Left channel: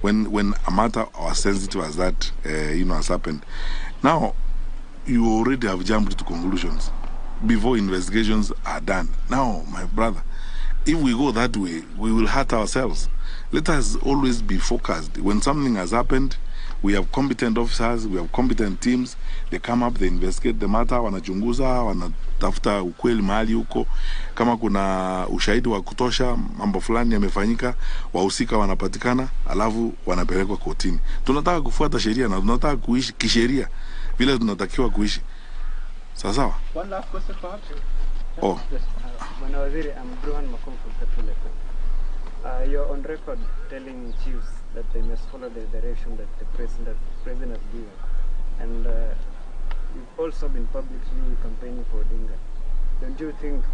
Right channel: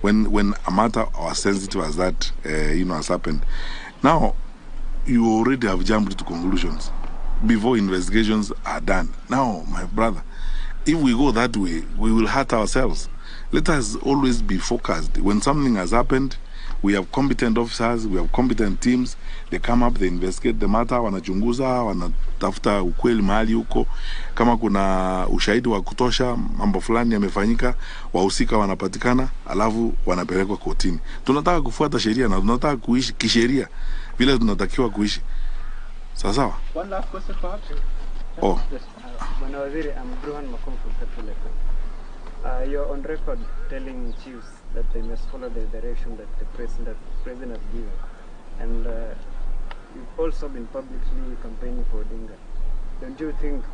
when a matter as sensitive as that, has happened. Now, you already have jumped to conclusions before investigations are done. Now, my brother, if we go that way, we will hurt ourselves. Let us always be focused. When something has happened, we have competent officers, we have competent teams. They come up, they investigate the matter, wanachunguza, wanatafuta ukweli mahali huko. Kama kuna ushahidi wa kutosha, mambo fulani yamefanyika, wahusika wanapatikana, alafu wanapelekwa kotini. Tunataka kufuata sheria na tunataka kuishi kisheria vile tunatakiwa kuishi. Sawa? One last question perhaps. Oh. Bwana Waziri, I'm Bruhan Makom from Petrol. You're on record telling chiefs that they must follow the direction that the president has given. And you've also been publicly campaigning for Odinga. Don't you think,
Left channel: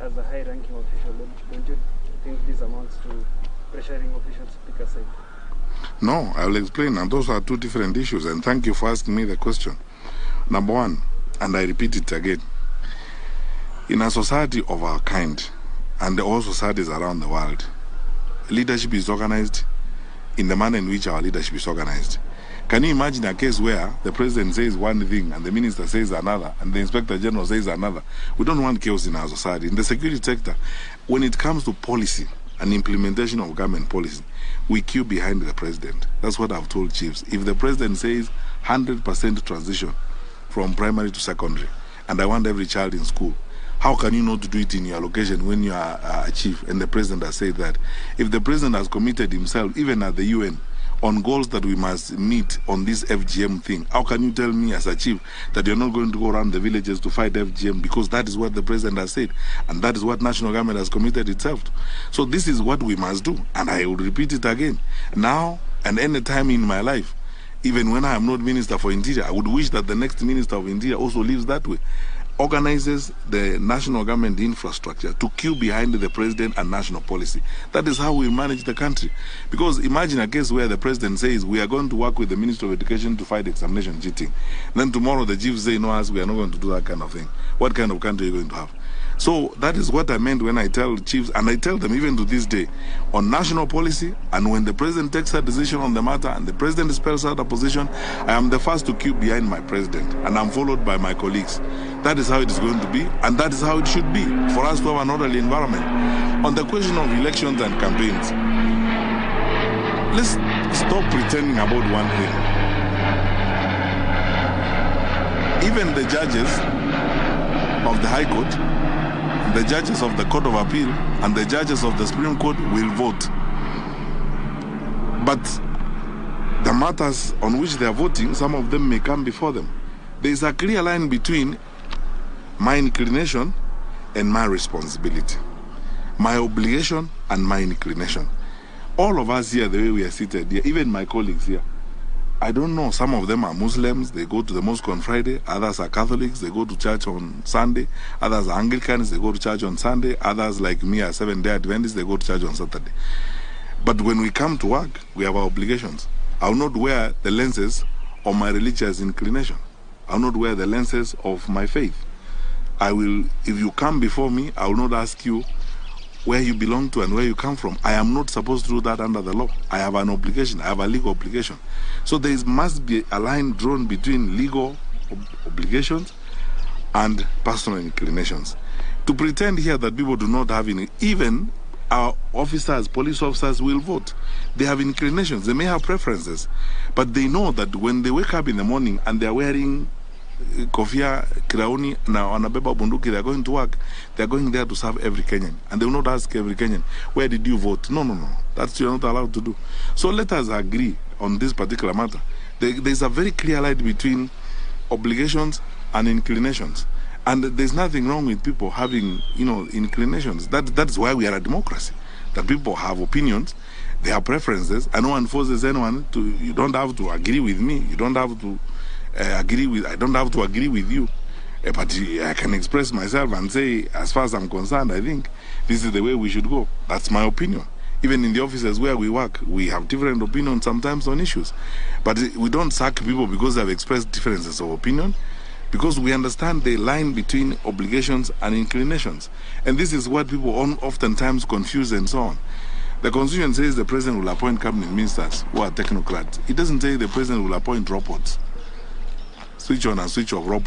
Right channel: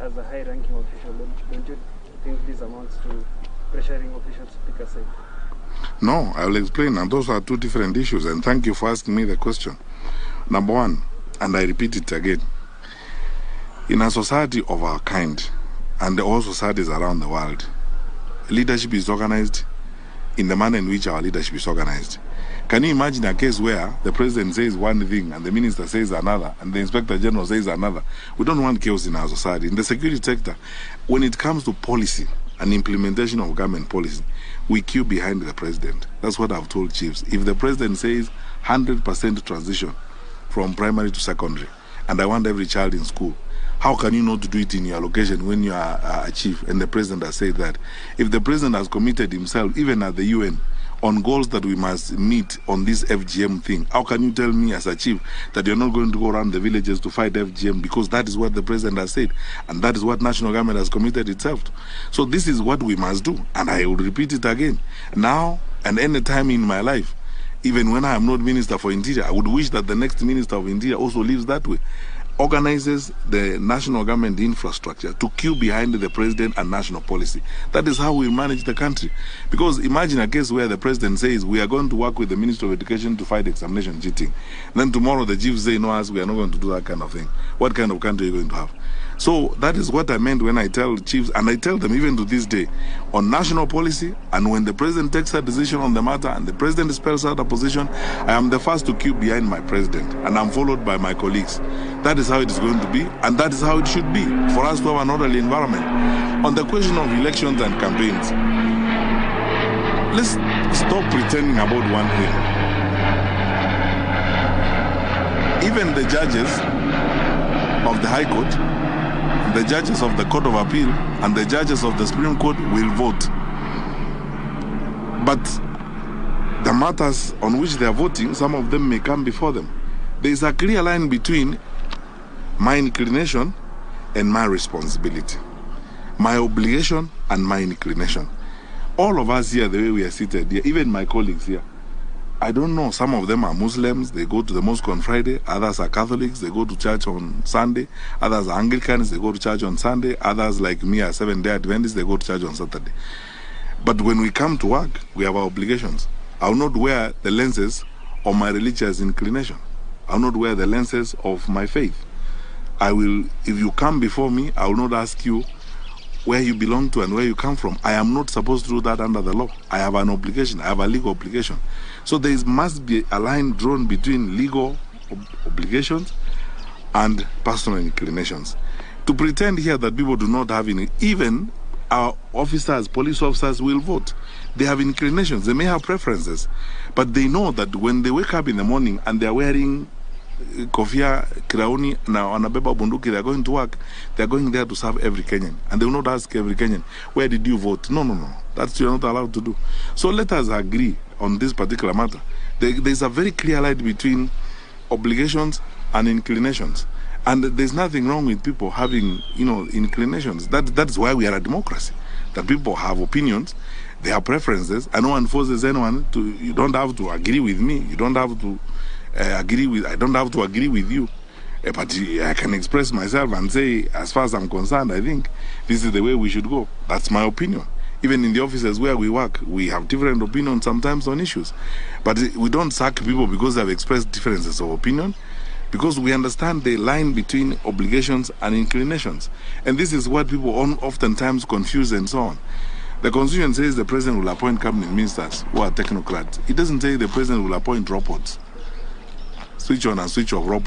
as a high-ranking official, don't you think this amounts to pressuring officials to pick a side? No, I will explain. And those are two different issues. And thank you for asking me the question. Number one, and I repeat it again, in a society of our kind, and all societies around the world, leadership is organized in the manner in which our leadership is organized. Can you imagine a case where the president says one thing and the minister says another and the inspector general says another? We don't want chaos in our society. In the security sector, when it comes to policy and implementation of government policy, we queue behind the president. That's what I've told chiefs. If the president says 100% transition from primary to secondary, and I want every child in school, how can you not do it in your location when you are a chief and the president has said that? If the president has committed himself, even at the UN, on goals that we must meet on this FGM thing, how can you tell me as a chief that you're not going to go around the villages to fight FGM? Because that is what the president has said, and that is what national government has committed itself to. So this is what we must do, and I will repeat it again. Now and any time in my life, even when I am not Minister for Interior, I would wish that the next Minister of Interior also lives that way. Organizes the national government infrastructure to queue behind the president and national policy. That is how we manage the country. Because imagine a case where the president says, we are going to work with the Minister of Education to fight examination cheating. Then tomorrow the chiefs say, no, we are not going to do that kind of thing. What kind of country are you going to have? So that is what I meant when I tell chiefs, and I tell them even to this day, on national policy, and when the president takes a decision on the matter and the president spells out a position, I am the first to queue behind my president, and I'm followed by my colleagues. That is how it is going to be, and that is how it should be, for us to have an orderly environment. On the question of elections and campaigns, let's stop pretending about one thing. Even the judges of the High Court, the judges of the Court of Appeal, and the judges of the Supreme Court will vote. But the matters on which they are voting, some of them may come before them. There is a clear line between my inclination and my responsibility, my obligation and my inclination. All of us here, the way we are seated here, even my colleagues here, I don't know, some of them are Muslims, they go to the mosque on Friday, others are Catholics, they go to church on Sunday, others are Anglicans, they go to church on Sunday, others like me are Seventh-day Adventists, they go to church on Saturday. But when we come to work, we have our obligations. I will not wear the lenses of my religious inclination. I will not wear the lenses of my faith. I will, if you come before me, I will not ask you where you belong to and where you come from. I am not supposed to do that under the law. I have an obligation. I have a legal obligation. So there must be a line drawn between legal obligations and personal inclinations. To pretend here that people do not have any, even our officers, police officers will vote. They have inclinations. They may have preferences. But they know that when they wake up in the morning and they are wearing kofia, kirauni, na wanabeba bunduki, they are going to work, they are going there to serve every Kenyan. And they will not ask every Kenyan, where did you vote? No, no, no. That's you're not allowed to do. So let us agree on this particular matter. There's a very clear line between obligations and inclinations. And there's nothing wrong with people having, inclinations. That's why we are a democracy. That people have opinions, they have preferences, and no one forces anyone to, you don't have to agree with me, you don't have to I don't have to agree with you, but I can express myself and say, as far as I'm concerned, I think this is the way we should go. That's my opinion. Even in the offices where we work, we have different opinions sometimes on issues. But we don't sack people because they have expressed differences of opinion, because we understand the line between obligations and inclinations. And this is what people oftentimes confuse and so on. The Constitution says the president will appoint cabinet ministers who are technocrats. It doesn't say the president will appoint robots. Switch on and switch off robots.